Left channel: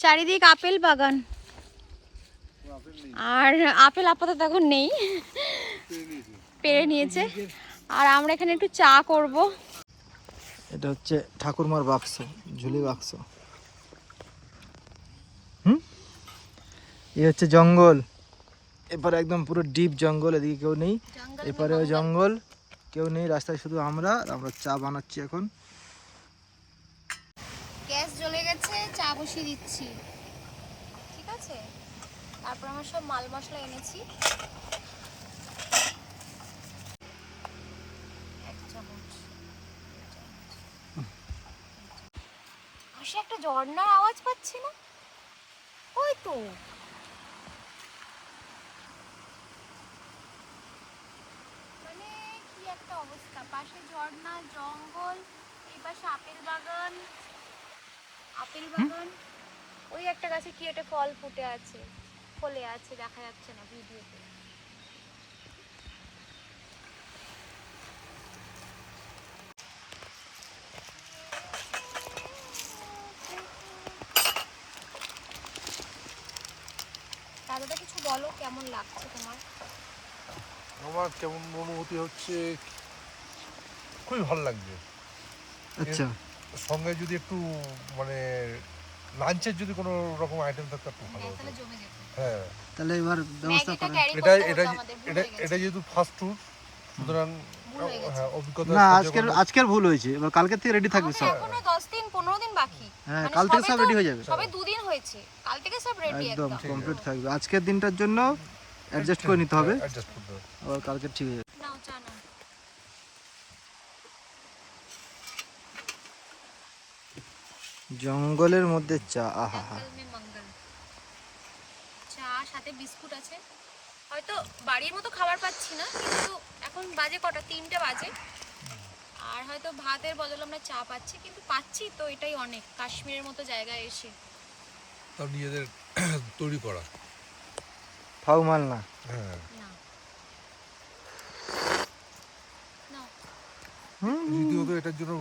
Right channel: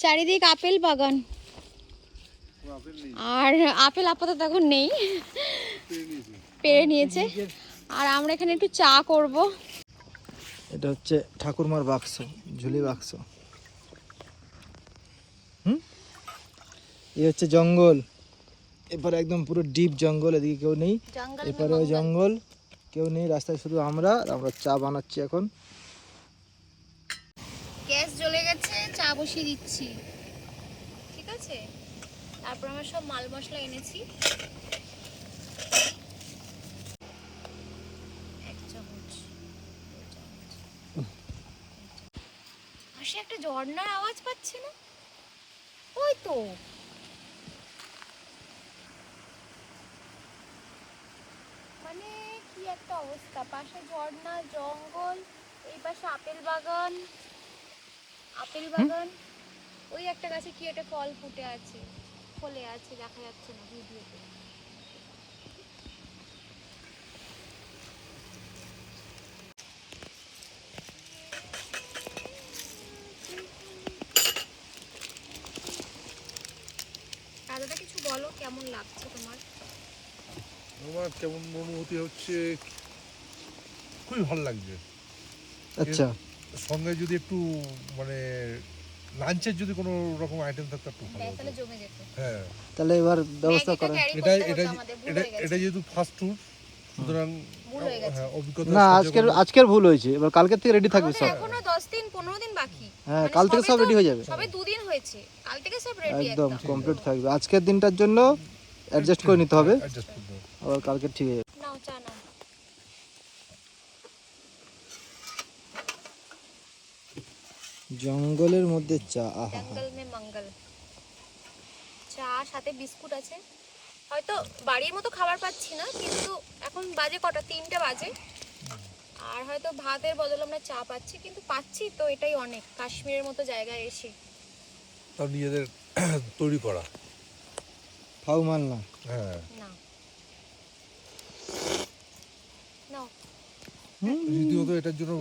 চারিদিক আপেল বাগান, আর আপেল আপাতত এখন নেই, পেরে নিয়েছে। আর আমরা এখানে একটু চা করব। এটা হচ্ছে ঠাকুরমার বাক্স, ঝুলি বাক্স। এই হচ্ছে জঙ্গল, এপারে একদম পুরো ডিপ জঙ্গল, এদিকে কেউ নেই, এপারেও জঙ্গল, কেউ নেই, রাস্তায় শুধু আমরা। আর আমরা চা বানাচ্ছি এখন। গ্যাস জ্বলে গেছে, চা বসিয়ে দিচ্ছি, ঠিক আছে। তারপর আমরা সব মাল মশলা এনেছি, এক চামচ, আসে একটা ঝর্ণার আওয়াজ পাচ্ছি না? ওই তো, মানে কি একটা অবস্থা, পাশে ঝর্ণা, জঙ্গল, এই পাশে আপেল বাগান, আপেল বাগান, ওই একটা গাছে কি একটা ফল ফুটে আছে, ফলে আছে, দেখা যাচ্ছে না ভিডিওতে। দাদাটা কিছু বলো, কেমন লাগছে তোমার? আমার কেমন অনুভূতি হচ্ছে, খুবই ভালো লাগছে। আচ্ছা, সঙ্গে যদি একটু মানে লাঞ্চের যদি কোনো রকম আইটেম থাকতো একটু ভালো হতো। তাহলে জমে যেত। হ্যাঁ, তাহলে এবার ব্যবস্থা ম্যাগিটা করেন। ক্যারি এটা করতে এটা হতো আমাদের, ভুল এটা হয়ে গেছে। এটা যেহেতু ফার্স্ট ট্যুর, সুতরাং ভুল হয়ে গেছে। হ্যাঁ অভিজ্ঞতা না, সঞ্চয় করলে- আজকের ভুল হয়েছে, এবার কালকে থেকে রেডি থাকবে আমাদের সব। এখনো 10 দিন 15 দিন বাকি। হ্যাঁ, মানে কাল থেকে সবে সব তো- রেডি হয়ে যাবে, সবে 2 দিন হয়েছে, কাল থেকে সব রেডি একদম একদম। কমপ্লিট থাকবে। আজকের দিনটার জন্য অ্যাডজাস্ট করে নিতে হবে, অ্যাডজাস্ট করতে হবে। আবার কালকে ঠিক হয়ে যাবে। নাও চা নাও। জঙ্গলের মধ্যে চা, আহা হা। জঙ্গল মে মঙ্গল। চা সাথে বিস্কুট আছে। হয়তো বাড়ির মতো খাবার পাচ্ছি না, কিন্তু এখন বাজে কটা, 3টে বাজে। আর হয়তো ভাতের বদলে আমরা চা পাচ্ছি, কিন্তু পাচ্ছি তো এটাই অনেক, কাশ্মীরের মতো জায়গায় এসে। তাও নিজেদের তৈরি করা। ফাউ মাল না। হ্যাঁ, না নাও। রীতিমতো এটার জন্য